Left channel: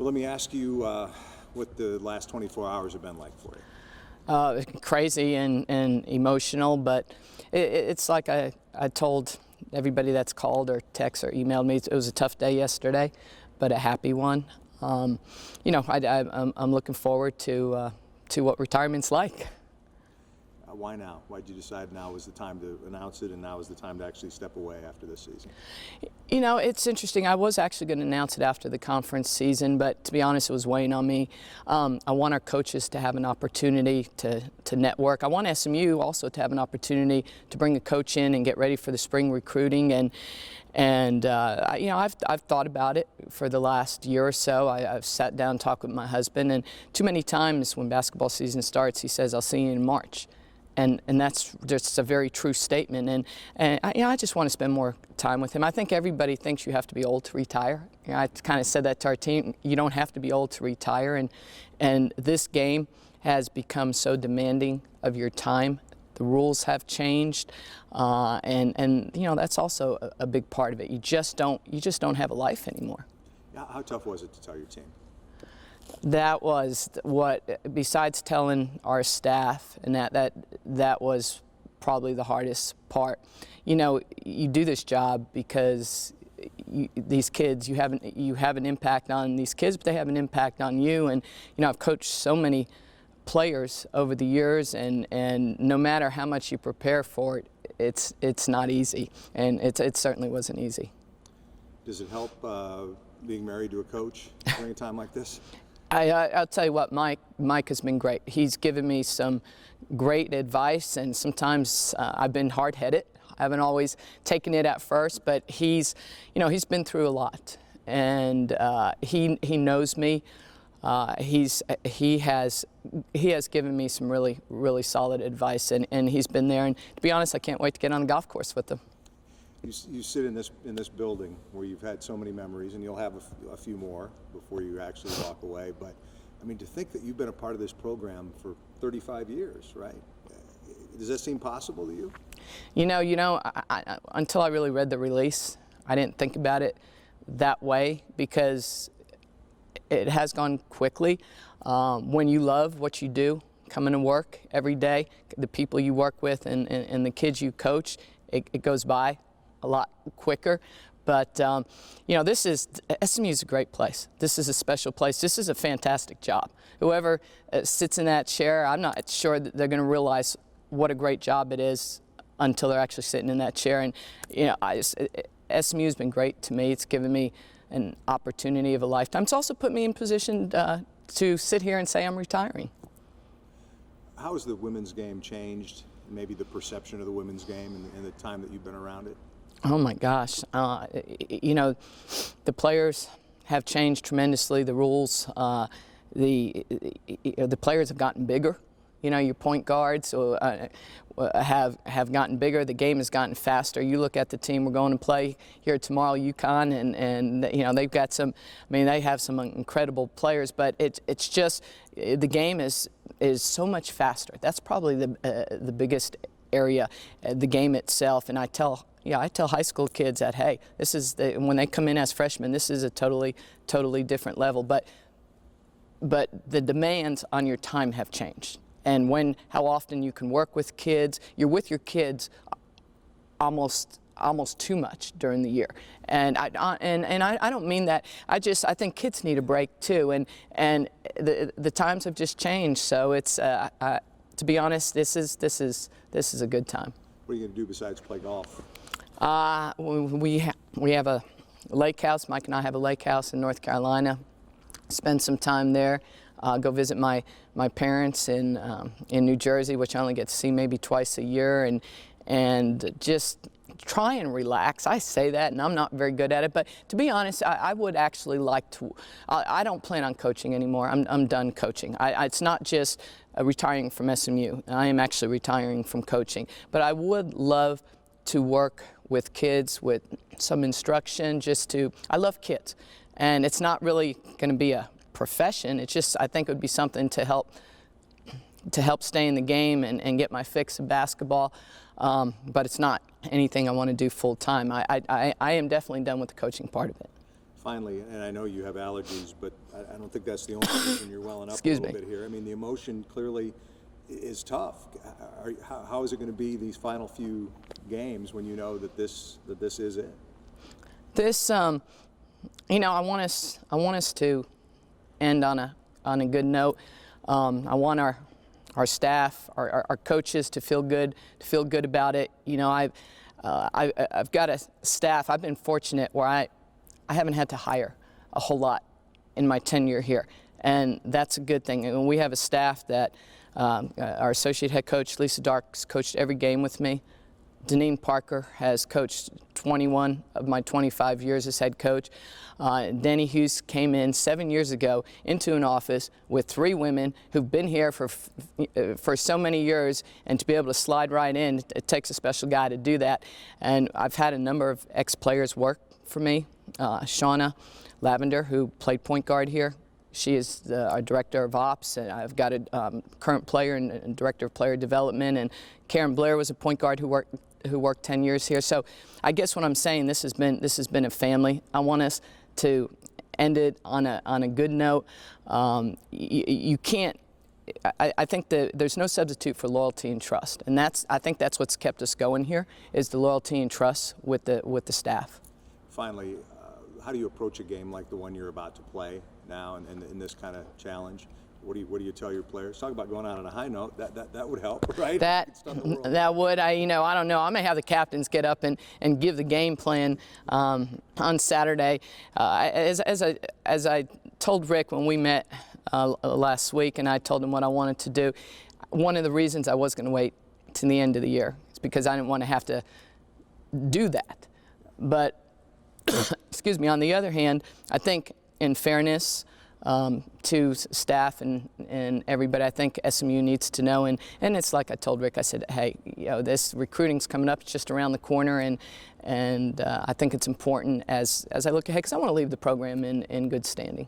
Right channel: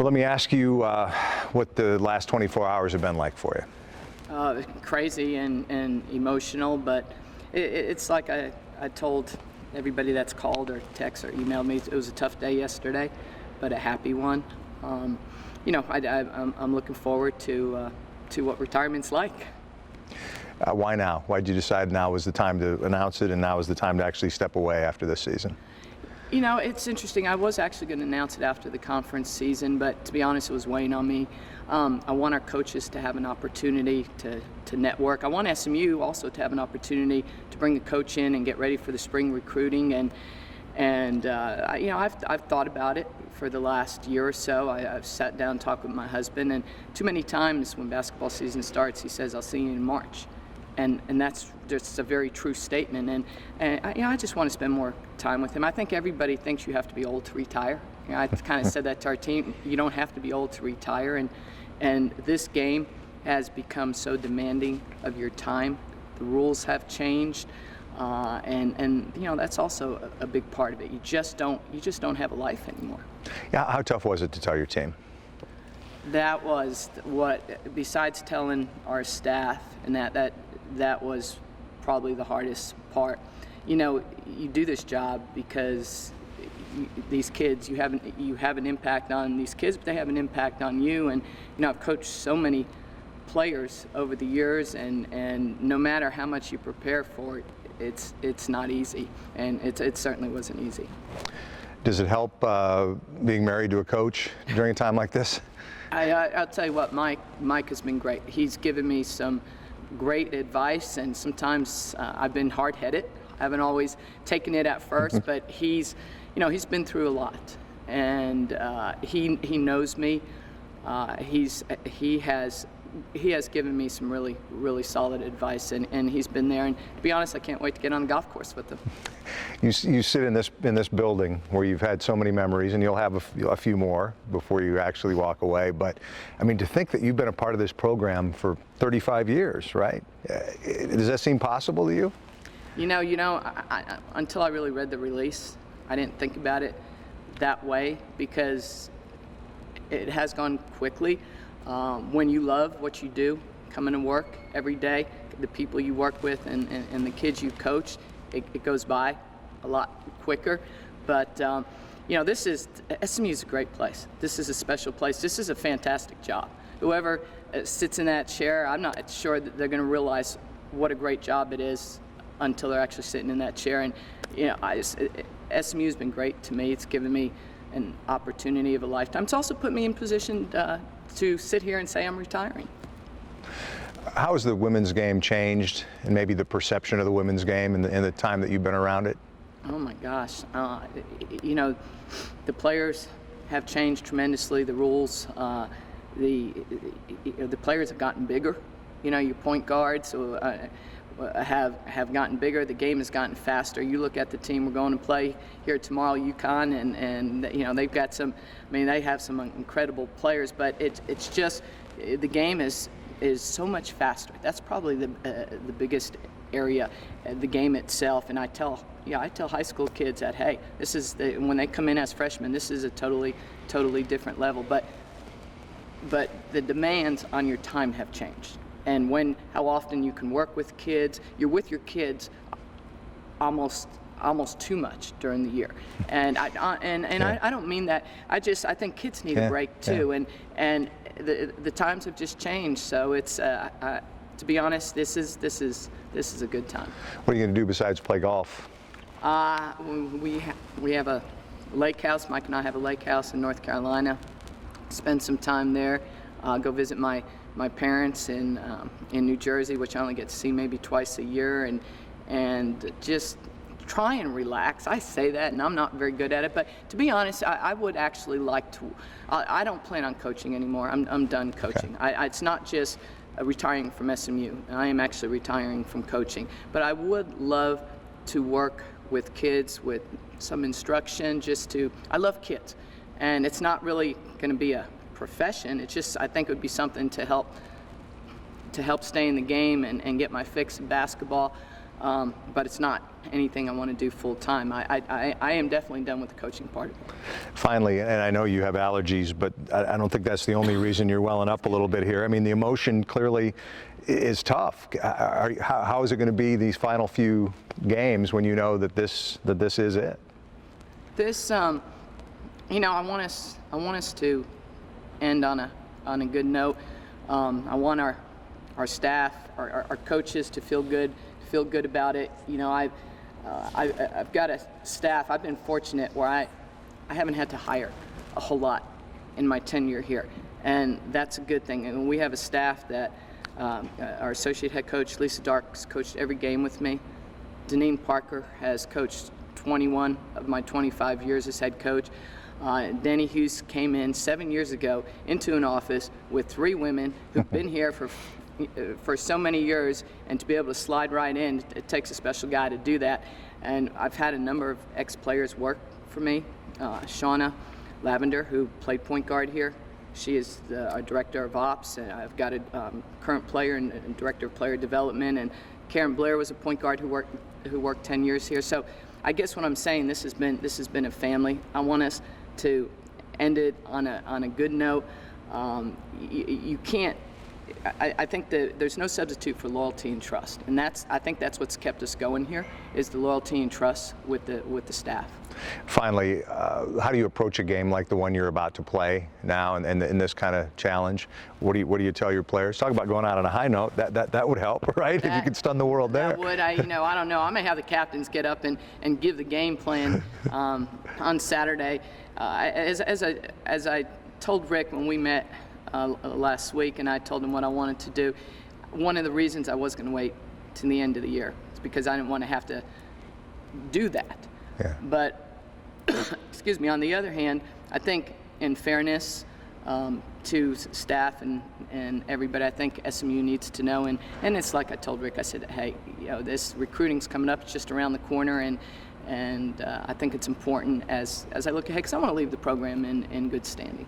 Well, let me ask you what the last 24 hours have been like for you. Crazy and emotional, but it's like I told everybody that's called or text or emailed me. It was a tough day yesterday, but a happy one. You know, I'm looking forward to what retirement's like. Why now? Why did you decide now was the time to announce it and now is the time to actually step away after this season? You know, it's interesting. I was actually going to announce it after the conference season, but to be honest, it was weighing on me. I want our coaches to have an opportunity to network. I want SMU also to have an opportunity to bring a coach in and get ready for the spring recruiting. And you know, I've thought about it for the last year or so. I've sat down and talked with my husband, and too many times when basketball season starts, he says, "I'll see you in March." And that's just a very true statement. And you know, I just want to spend more time with him. I think everybody thinks you have to be old to retire. You know, I kind of said that to our team. You don't have to be old to retire. And this game has become so demanding of your time. The rules have changed. And you know, that's also a big part of it. You just don't have a life anymore. Yeah, how tough was it to tell your team? That was what, besides telling our staff, and that was probably the hardest part. You know, you do this job because these kids, you have an impact on these kids, but they have an impact on you. And you know, I've coached so many players over the years, and no matter how much you prepare for it, it's not easy, and it certainly wasn't easy. Does it help being married to a coach during a time like this? I'll tell you what, Mike has been great. He's given me some great advice, and sometimes I've been hard-headed. I haven't always taken it at first, but he's been through a lot, and he knows me. He has given me some really solid advice, and he's been there. And to be honest, I can't wait to get on the golf course with him. You sit in this building where you've had so many memories, and you'll have a few more before you actually walk away. But I mean, to think that you've been a part of this program for 35 years, right? Does that seem possible to you? You know, until I really read the release, I didn't think about it that way, because it has gone quickly. When you love what you do, coming to work every day, the people you work with and the kids you coach, it goes by a lot quicker. But you know, SMU is a great place. This is a special place. This is a fantastic job. Whoever sits in that chair, I'm not sure that they're going to realize what a great job it is until they're actually sitting in that chair. And you know, SMU has been great to me. It's given me an opportunity of a lifetime. It's also put me in position to sit here and say I'm retiring. How has the women's game changed, and maybe the perception of the women's game in the time that you've been around it? Oh my gosh, you know, the players have changed tremendously. The rules, the players have gotten bigger. You know, your point guards have gotten bigger. The game has gotten faster. You look at the team we're going to play here tomorrow, UConn, and you know, they've got some. I mean, they have some incredible players, but it's just the game is so much faster. That's probably the biggest area, the game itself. And I tell high school kids that, hey, this is when they come in as freshmen, this is a totally different level. But the demands on your time have changed. And how often you can work with kids, you're with your kids almost too much during the year. And I don't mean that. I think kids need a break too. Yeah. And the times have just changed. So it's to be honest, this is a good time. What are you going to do besides play golf? We have a lake house. Mike and I have a lake house in North Carolina. Spend some time there. Go visit my parents in New Jersey, which I only get to see maybe twice a year, and just try and relax. I say that, and I'm not very good at it, but to be honest, I would actually like to. I don't plan on coaching anymore. I'm done coaching. Okay. It's not just retiring from SMU. I am actually retiring from coaching, but I would love to work with kids with some instruction. I love kids, and it's not really going to be a profession. It's just, I think it would be something to help stay in the game and get my fix in basketball. but it's not anything I want to do full time. I am definitely done with the coaching part of it. Finally, and I know you have allergies, but I don't think that's the only reason you're welling up Excuse a little me. bit here. I mean, the emotion clearly is tough. How is it going to be these final few games when you know that this is it? This, you know, I want us to end on a good note. I want our staff, our coaches to feel good about it. You know, I've got a staff. I've been fortunate where I haven't had to hire a whole lot in my tenure here, and that's a good thing. And we have a staff that our associate head coach Lisa Dark's coached every game with me. Deneen Parker has coached 21 of my 25 years as head coach. Denny Hughes came in 7 years ago into an office with 3 women who've been here for so many years, and to be able to slide right in, it takes a special guy to do that. And I've had a number of ex-players work for me. Shauna Lavender, who played point guard here, she is our director of ops. And I've got a current player and director of player development, and Karen Blair was a point guard who worked 10 years here. So I guess what I'm saying, this has been a family. I want us to end it on a good note. You can't. I think there's no substitute for loyalty and trust, and I think that's what's kept us going here, is the loyalty and trust with the staff. Finally, how do you approach a game like the one you're about to play now, and in this kind of challenge? What do you tell your players? Talk about going out on a high note. That would help, right? If you could stun the world. That there. would. I don't know. I may have the captains get up and give the game plan on Saturday. As I told Rick when we met last week, and I told him what I wanted to do. One of the reasons I was going to wait to the end of the year is because I didn't want to have to do that. Yeah. But excuse me. On the other hand, I think in fairness to staff and everybody, I think SMU needs to know. And it's like I told Rick. I said, hey, this recruiting's coming up. It's just around the corner, and I think it's important as I look ahead, because I want to leave the program in good standing.